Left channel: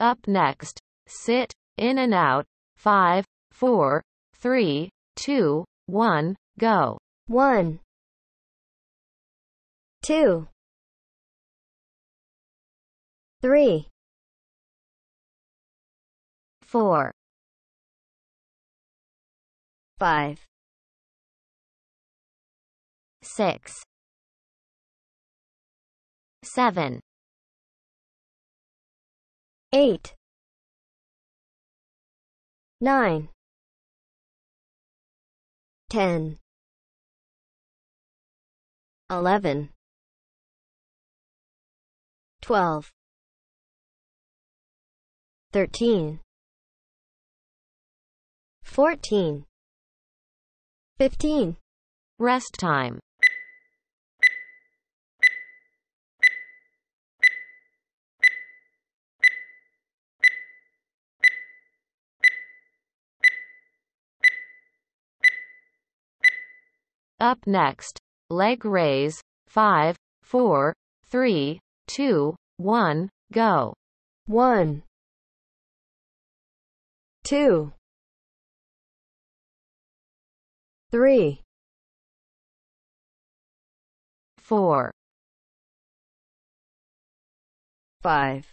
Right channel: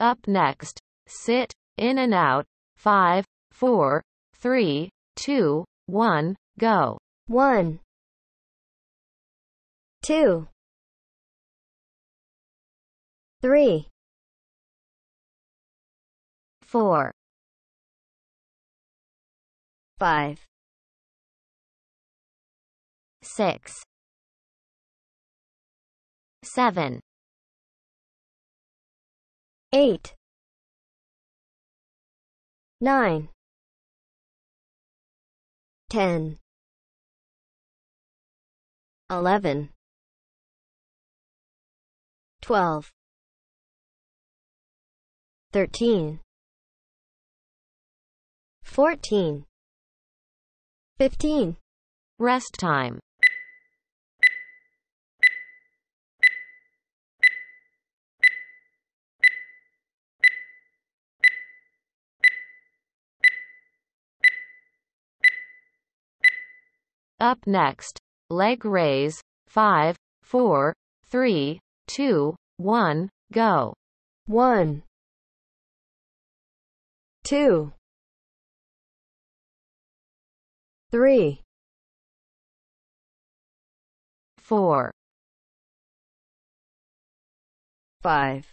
Up next, sit, in and out. 5, 4, 3, 2, 1, go. 1, 2, 3, 4, 5, 6, 7, 8, 9, 10, 11, 12, 13, 14, 15. Rest time. Up next, leg raise. 5, 4, 3, 2, 1, go. 1, 2, 3, 4, 5,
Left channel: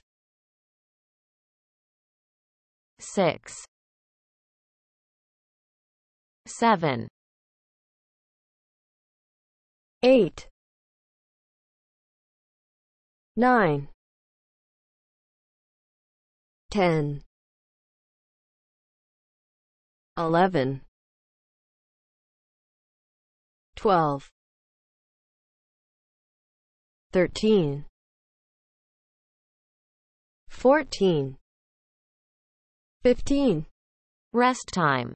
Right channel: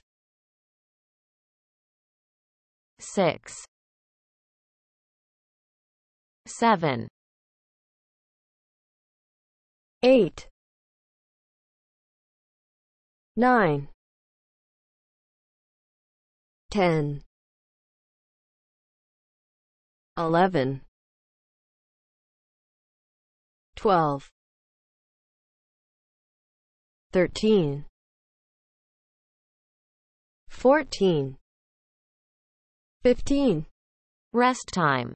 6, 7, 8, 9, 10, 11, 12, 13, 14, 15. Rest time.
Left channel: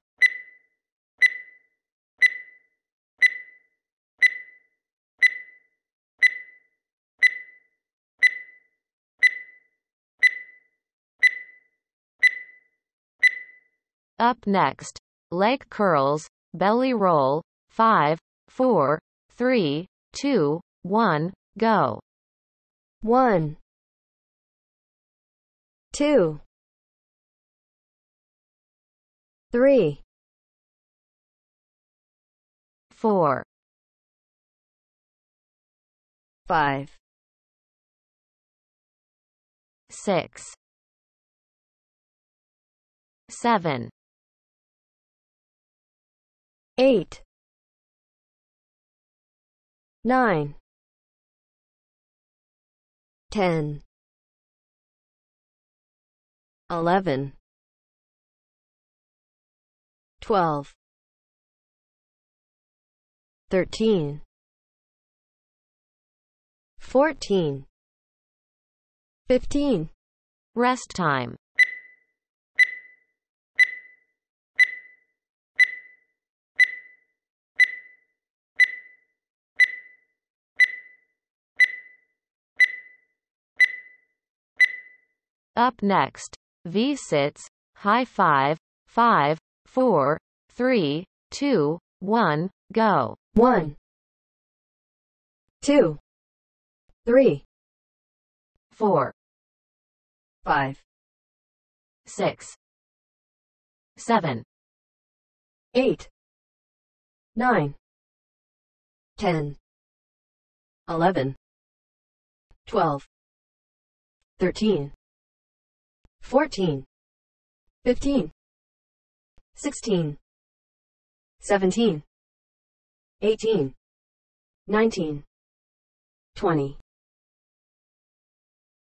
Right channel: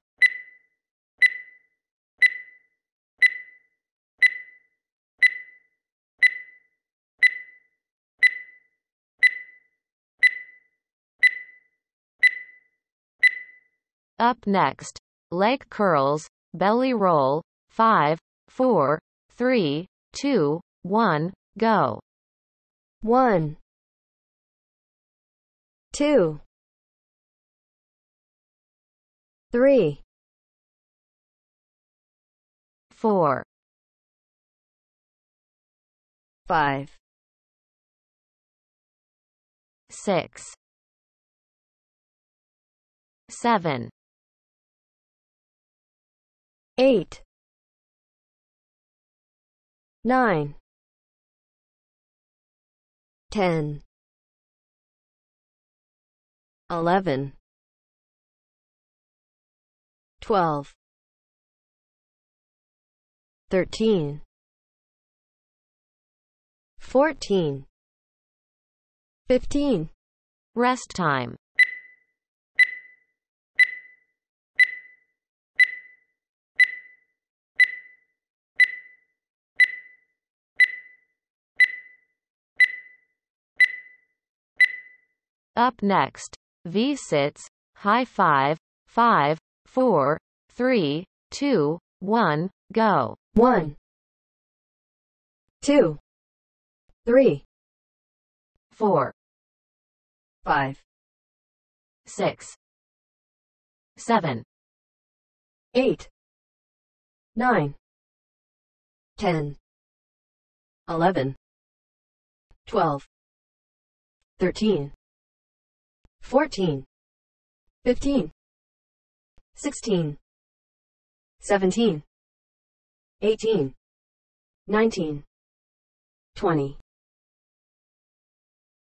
Up next, leg curls, belly roll. 5, 4, 3, 2, 1, go. 1, 2, 3, 4, 5, 6, 7, 8, 9, 10, 11, 12, 13, 14, 15. Rest time. Up next, V-sits, high 5, 5, 4, 3, 2, 1, go. 1, 2, 3, 4, 5, 6, 7, 8, 9, 10, 11, 12, 13, 14, 15, 16, 17, 18, 19, 20.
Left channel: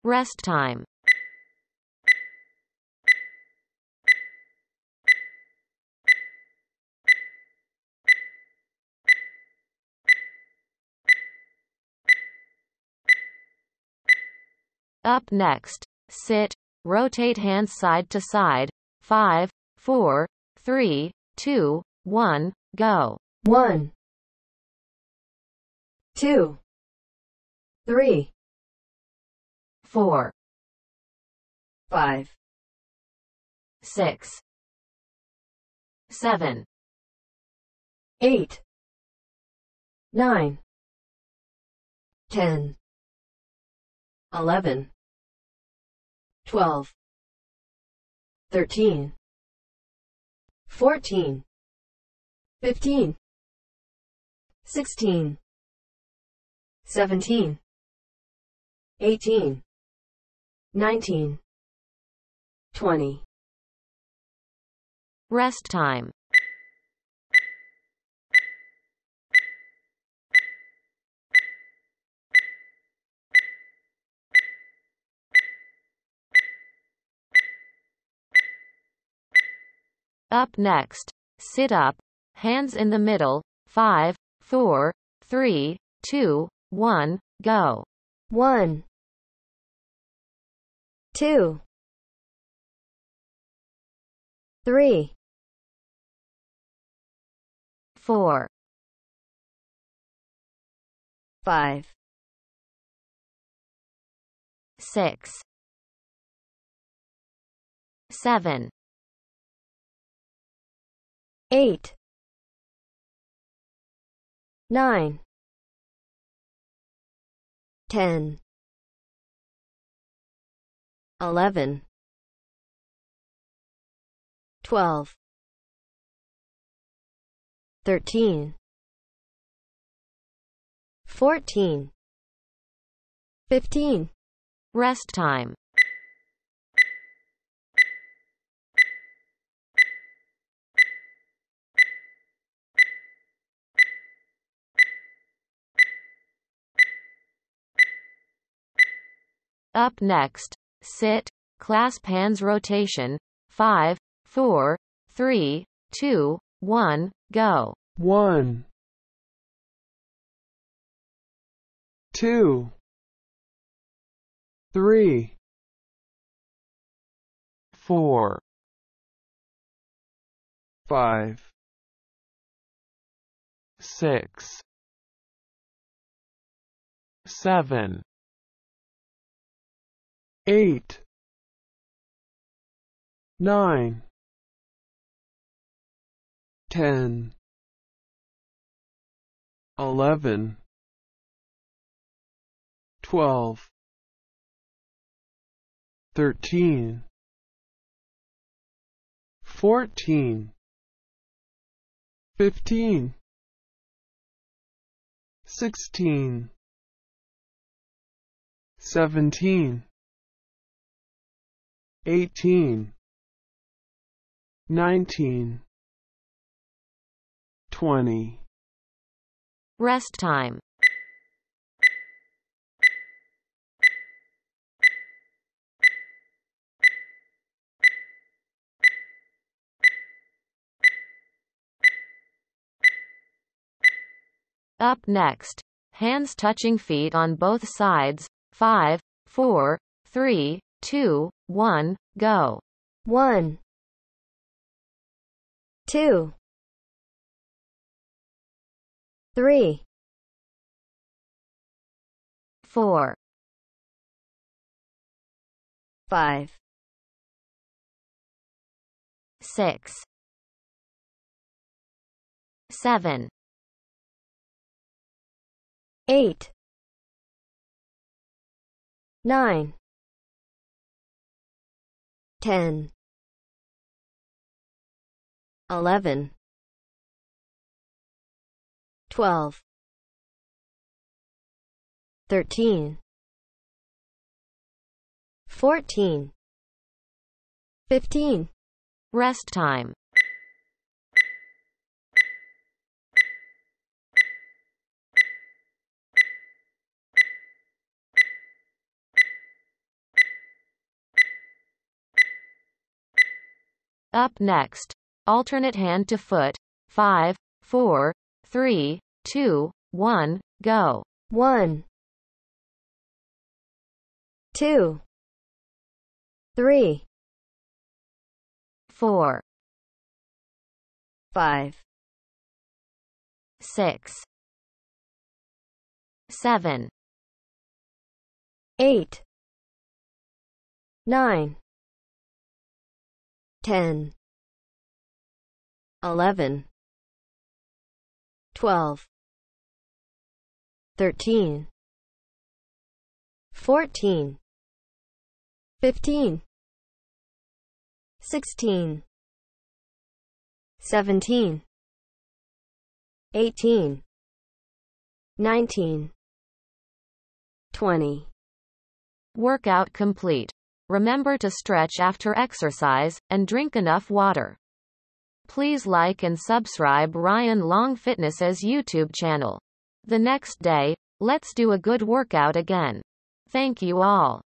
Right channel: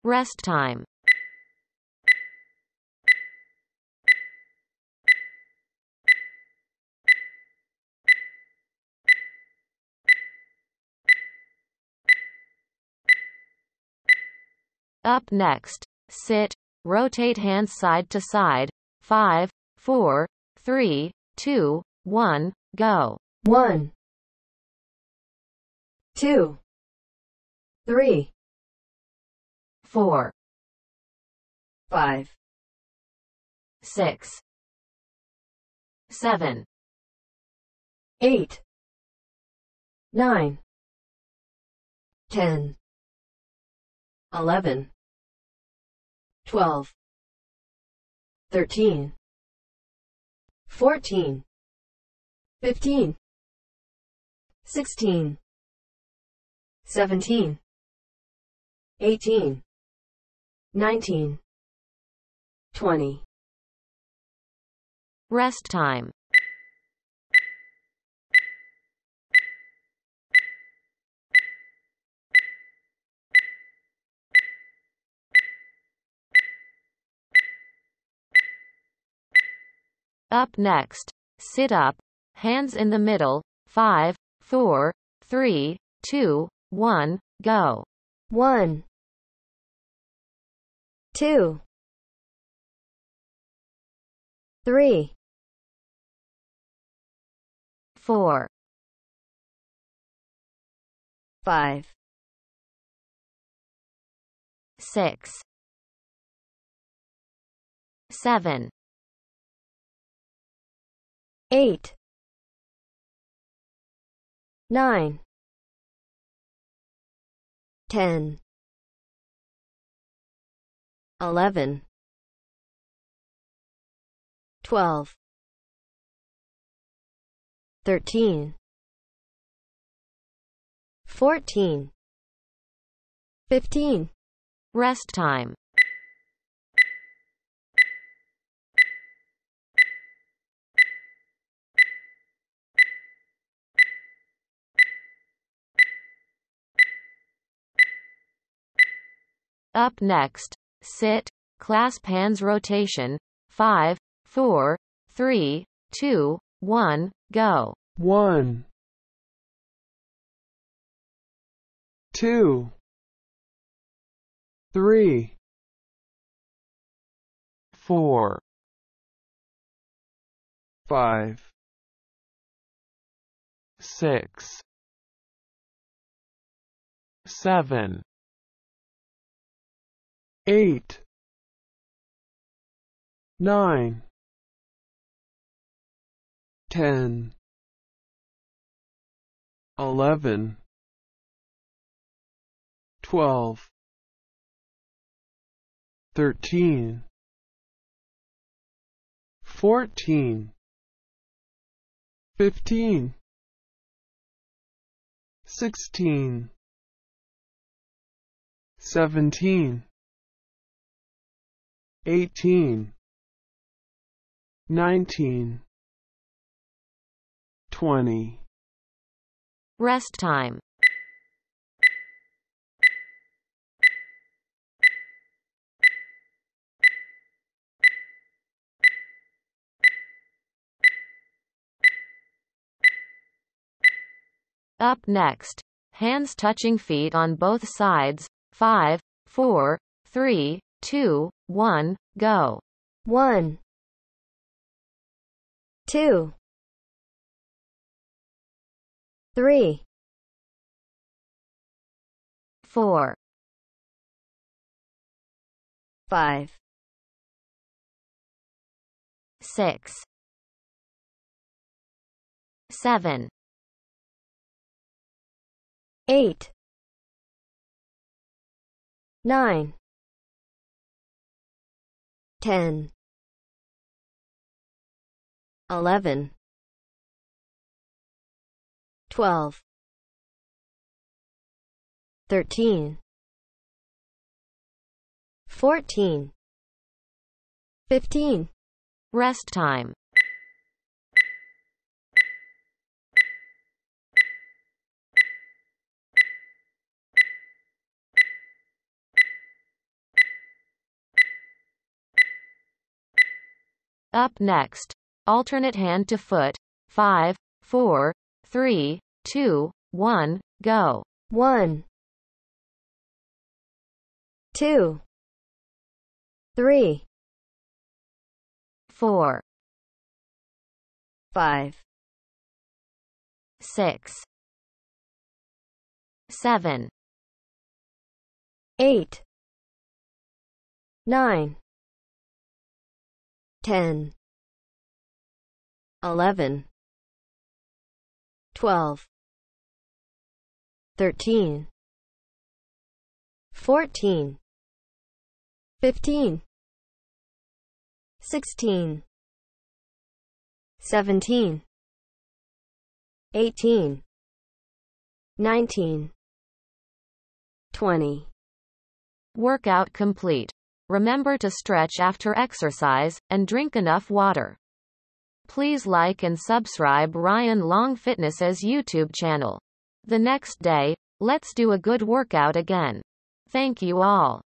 Rest time. Up next, sit, rotate hands side to side. 5, 4, 3, 2, 1, go. 1, 2, 3, 4, 5, 6, 7, 8, 9, 10, 11, 12, 13, 14, 15, 16, 17, 18, 19, 20. Rest time. Up next, sit up, hands in the middle, 5, 4, 3, 2, 1, go. 1, 2, 3, 4, 5, 6, 7, 8, 9, 10, 11, 12, 13, 14, 15. Rest time. Up next, sit, clasp hands rotation, 5, 4, 3, 2, 1, go. 1, 2, 3, 4, 5, 6, 7, 8, 9, 10, 11, 12, 13, 14, 15, 16, 17, 18, 19, 20. Rest time. Up next, hands touching feet on both sides, 5, 4, 3, 2, 1, go. 1, 2, 3, 4, 5, 6, 7, 8, 9, 10, 11, 12, 13, 14, 15. Rest time. Up next, alternate hand to foot, 5, 4, 3, 2, 1, go. 1, 2, 3, 4, 5, 6, 7, 8, 9, 10, 11, 12, 13, 14, 15, 16, 17, 18, 19, 20. Workout complete. Remember to stretch after exercise, and drink enough water. Please like and subscribe Ryan Long Fitness's YouTube channel. The next day, let's do a good workout again. Thank you all.